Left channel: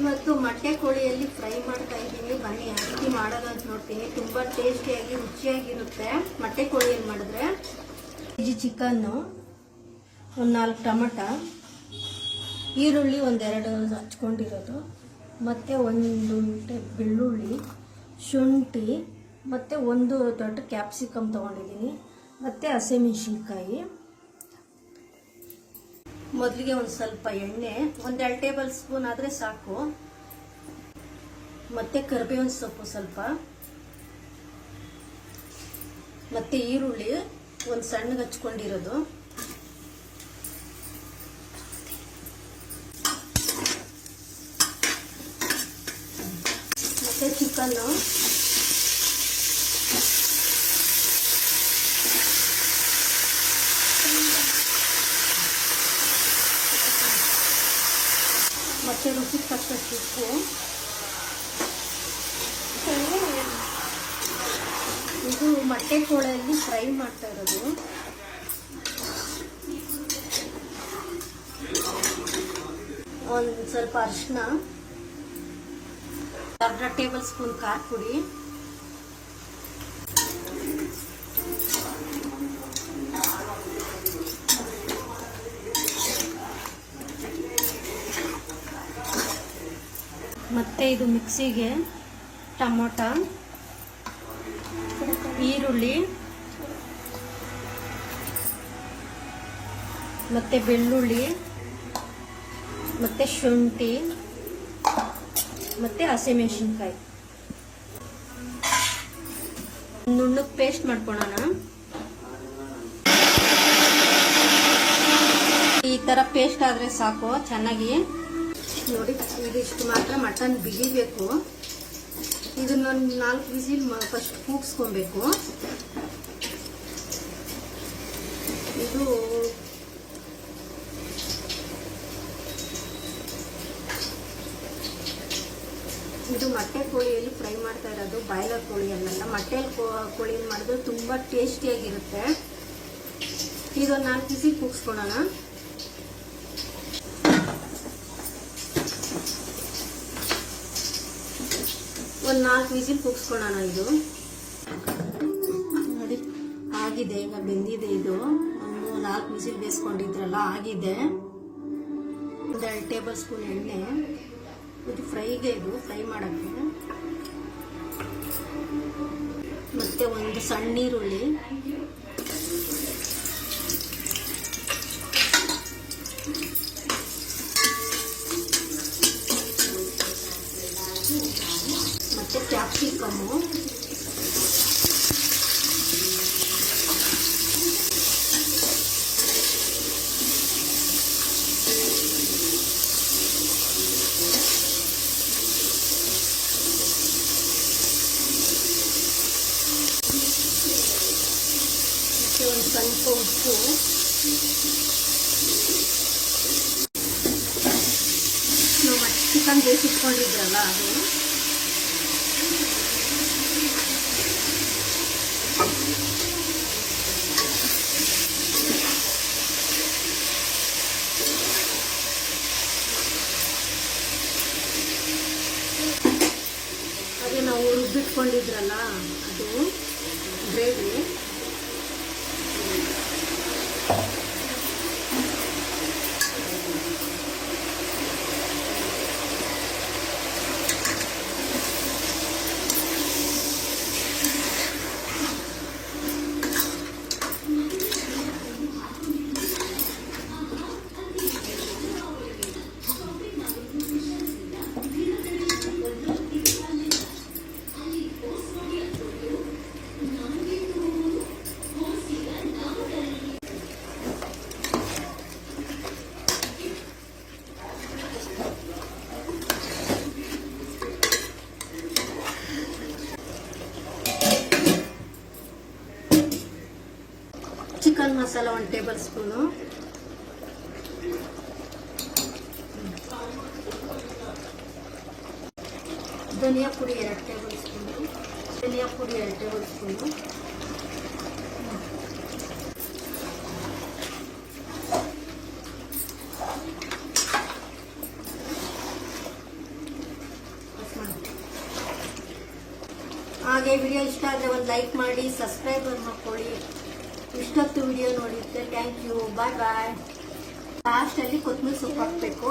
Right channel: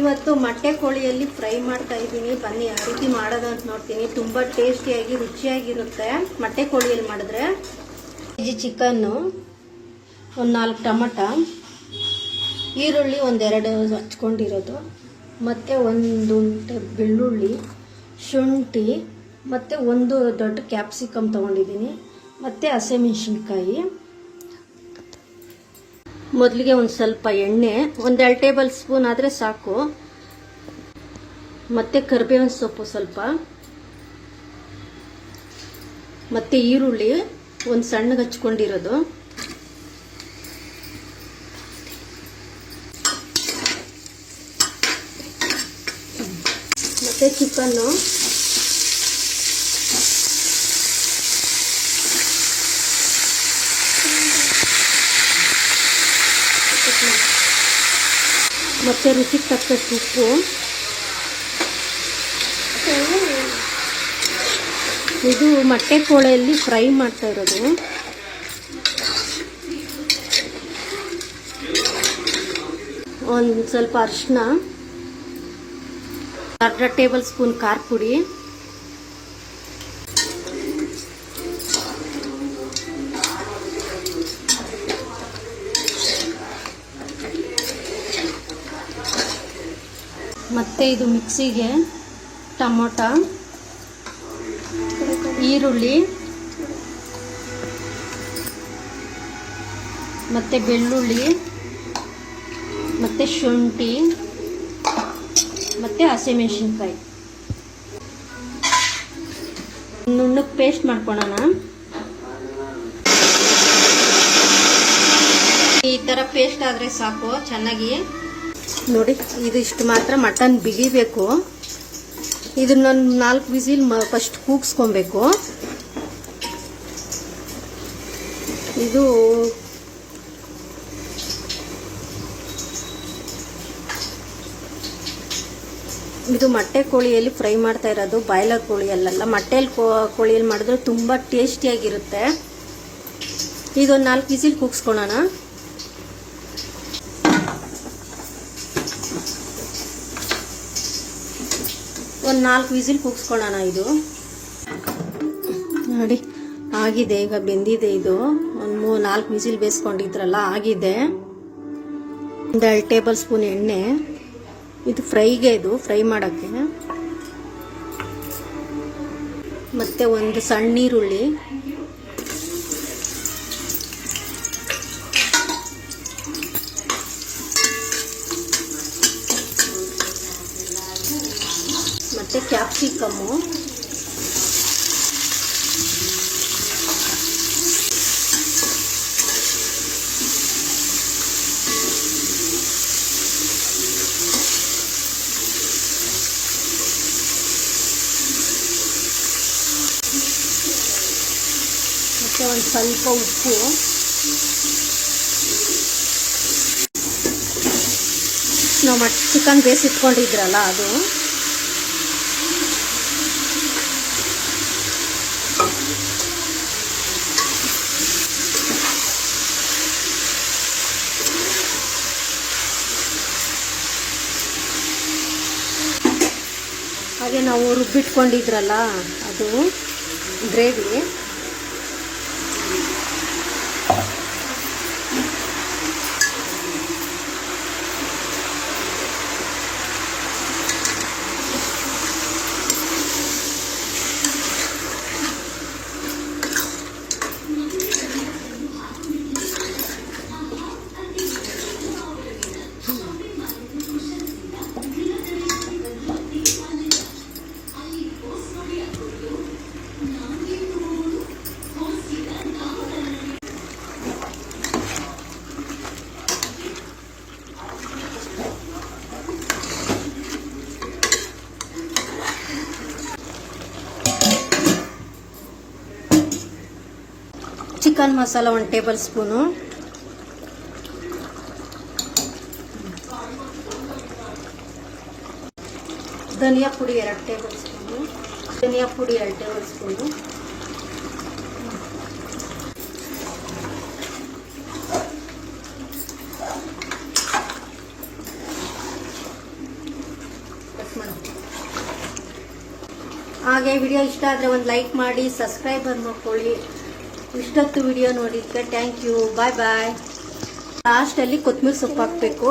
ಇವತ್ತು ಮೊಟ್ಟೆ ಕೋಳಿಯಲ್ಲಿ ಫ್ರೈ ಮಾಡ್ತಾ ಇದ್ದೀನಿ. ಬನ್ನಿ ಯಾವ ರೀತಿ ಮಾಡೋದು ಅಂತ ನೋಡ್ತೀನಿ. ತುಂಬ ಟೇಸ್ಟಿಯಾಗಿ ರುಚಿಯಾಗಿರುತ್ತೆ ಮೊಟ್ಟೆ ಕೋಳಿಯಲ್ಲಿ ಮಾಡಿದ್ರೆ. ಕೆಜಿ ಚಿಕನ್ನು, ಒಂದು 4 ಟೊಮಟ, ಈರುಳ್ಳಿ ಒಂದೆರಡು ಹಚ್ಕೊಂಡಿರೋದು, ಮತ್ತು ಒಂದು ಬೆಳ್ಳುಳ್ಳಿ, ಶುಂಠಿ, ಮತ್ತು ಒಂದು ದೊಡ್ಡ ಕ್ಯಾಪ್ಸಿಕಮ್ ತೊಗೊಂಡಿದ್ದೀನಿ, ಮತ್ತು ಹಸಿಮೆಣಸಿನ್ಕಾಯಿ. ಮೊದಲಿಗೆ ಒಂದು ಸ್ವಲ್ಪ ಎಣ್ಣೆ, 1-2 ಟೇಬಲ್ ಸ್ಪೂನ್ ಆದರೆ ಸಾಕು, ಮತ್ತು ಕರಿಬೇವಿನ ಸೊಪ್ಪು ಸ್ವಲ್ಪ, ಮತ್ತು ಈರುಳ್ಳಿ ಒಂದು ಸಣ್ಣಗೆ ಹಚ್ಕೊಂಡಿರೋದು, ಮತ್ತು ಚಿಕನ್ನು, ಮತ್ತು ರುಚಿಗೆ ತಕ್ಕಷ್ಟು ಉಪ್ಪು. ಇದು ಮೊಟ್ಟೆ ಕೋಳಿಯಲ್ಲಿ ಫ್ರೈ ಮಾಡ್ತಾ ಇರೋದು. ಒಂದು ಸ್ವಲ್ಪ ಅರಿಶಿನ, 1/2 ಟೇಬಲ್ ಸ್ಪೂನ್ ಖಾರ ಪುಡಿ, ಮತ್ತು ಇದು ಮಿಕ್ಸಿಗೆ ಟೊಮೊಟೊ, ಈರುಳ್ಳಿ, ಮತ್ತು ಬೆಳ್ಳುಳ್ಳಿ, ಮತ್ತು ಶುಂಠಿ, ಮತ್ತು ಹಸಿಮೆಣಸಿನ್ಕಾಯಿ ನುಣ್ಣಗೆ ಪೇಸ್ಟ್ ಮಾಡ್ಕೊಳ್ಳೋಣ. ಈ ಥರ ಪೇಸ್ಟ್ ಆದರೆ ಸಾಕು. ಚೆನ್ನಾಗಿ ನೋಡಿ, ಇದು ಇಷ್ಟು ಮಾತ್ರ ಮಟನ್ ಬಿಗಿಬೇಕು. ಇದನ್ನ 4 ವಿಸಿಲ್ ಫಸ್ಟ್ ಕೂಗಿಸ್ಕೊಬೇಕು. ಇದು ಮೊಟ್ಟೆ ಕೋಳಿಯಲ್ಲಿ ಫ್ರೈ ಮಾಡ್ತಾ ಇರೋದು, ಬಾಯ್ಲರ್ ಕೋಳಿಯಲ್ಲ. ಮೊಟ್ಟೆಯಲ್ಲಿ ಕೋಳಿಯಲ್ಲಿ ಮಾಡಿದ್ರೆ ತುಂಬ ಟೇಸ್ಟಿಯಾಗಿರುತ್ತೆ. ಇದೊಂದು 4 ವಿಸಿಲ್ ಕೂಗಿಸ್ಕೊಳ್ಳೋಣ. ಒಂದು 4 ವಿಸಿಲ್ ಕೂಗಿಸ್ಕೊಳ್ಳೋಣ. ಇದು ನೋಡಿ ಆಗಿದೆ, ಈಗ ಬೆಂದಿದೆ. ಇದು ಒಂದು 4 ವಿಸಿಲ್ ಬೇಯಿಸ್ಕೊಂಡಿದ್ರಲ್ಲ, ಆಗಿದೆ. 1-2 ಟೇಬಲ್ ಸ್ಪೂನ್ ಎಣ್ಣೆ. ಇದು ಫ್ರೈಗೆ, ಇದು ಫ್ರೈ ಮಾಡೋಕ್ಕೆ. ಮತ್ತು ಒಂದು ಸಣ್ಣ ಈರುಳ್ಳಿ, ಮತ್ತು ಕ್ಯಾಪ್ಸಿಕಮ್ಮು, ಮತ್ತು ಒಂದು ಸ್ವಲ್ಪ ಉಪ್ಪು, ನಾವು ಚಿಕನ್ ಬೇಯಿಸಿಟ್ಕೊಂಡಿದ್ರಲ್ಲ ಅದು, ಹಾಗೆ ನಾವು ರುಬ್ಬಿಟ್ಕೊಂಡಿದ್ರಲ್ಲ ಅದು gravy, chicken masala 1 tablespoon, ಧನಿಯಾ ಪುಡಿ 2 ಟೇಬಲ್ ಸ್ಪೂನು, ಧನಿಯಾ ಪುಡಿ 2 ಟೇಬಲ್ ಸ್ಪೂನು, ಹಾಗೆ ವಿಡಿಯೋ ಇಷ್ಟ ಆದರೆ ಒಂದು ಲೈಕ್ ಮಾಡಿ, ಸಬ್ಸ್ಕ್ರೈಬರ್ ಮಾಡ್ಕೊಳ್ಳಿ. ಇಷ್ಟೊತ್ತು ವಿಡಿಯೋ ನೋಡಿದ್ದಕ್ಕೆ ಥ್ಯಾಂಕ್ ಯು. ಬಾಯ್ ಬಾಯ್. ಲಾಸ್ಟಲ್ಲಿ ಕೊತ್ತಂಬರಿ ಸೊಪ್ಪು ಹಾಕಬೇಕು.